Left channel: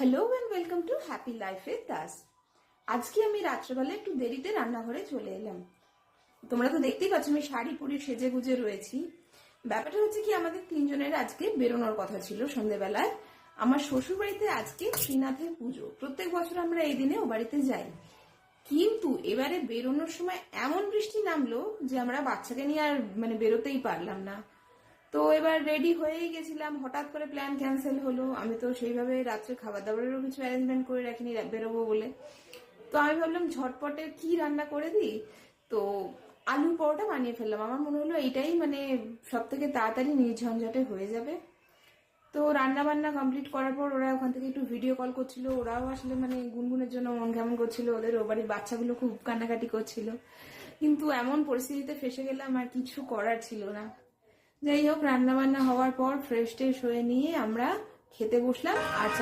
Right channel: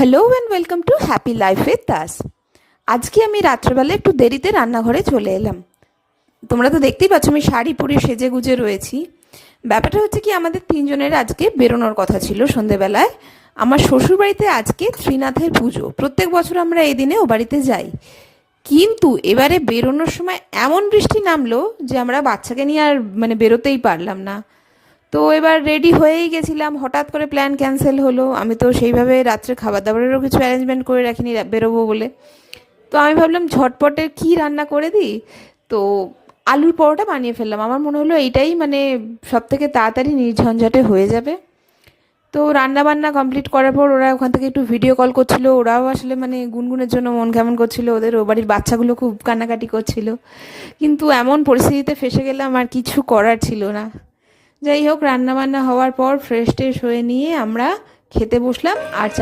Hello and welcome to happy life with Das. আজকে আমি রাত্রেবেলা একটু দেরিতে রান্নাঘরে চলে এলাম। তোমরা তো দেখতেই পাচ্ছ আমি শাড়ি পরে সেজে গুজে রয়েছি। ব্যাপারটা হচ্ছে কি, আমাদের তিনজনের আজকে বেরোনোর কথা ছিল সন্ধেবেলায়। আমার শ্বশুরবাড়িতে আজকে ত্রিনাথের পুজো, প্রত্যেক বছর আমরা এই দিনে ও বাড়িতে যাই। কিন্তু এবারে বেরোনোর সময় এমন বৃষ্টি নামলো যে আমরা বাচ্চাকে নিয়ে আর বেরোতেই পারলাম না। তো এবার রেডি হয়েই গেছিলাম, হঠাৎ করে প্ল্যান ক্যান্সেল হলো। আমি তো সেইভাবে রাত্রে খাবার দাবারেরও কিছু অ্যারেঞ্জমেন্ট করে রাখিনি বেরোবো বলে। তো আমি ভাবলাম ঝটপটের কি রান্না করে দিই। তো আলুর পরোটা বানিয়ে ফেললাম। আমার মনে হলো এইটাই সব থেকে তাড়াতাড়ি নির্ঝঞ্ঝাটে হয়ে যাবে। তো রান্না বান্না কমপ্লিট করার পর ওরা ওখান থেকে একটু ভিডিও কল করছিল। ওরাও আসলে গুনগুনের জন্য মন কেমন করছিল, ওদের ও বাড়ির বাচ্চাগুলো খুব কান্নাকাটি করছিল। কিন্তু এমন পরিস্থিতিতে ফেসে গেলাম, আর কিছু করার ছিল না। যাই হোক, রান্না বান্না হওয়ার পর ফ্রেশ ট্রেশ হয়ে নিয়ে আমরা খেতে বসলাম। আর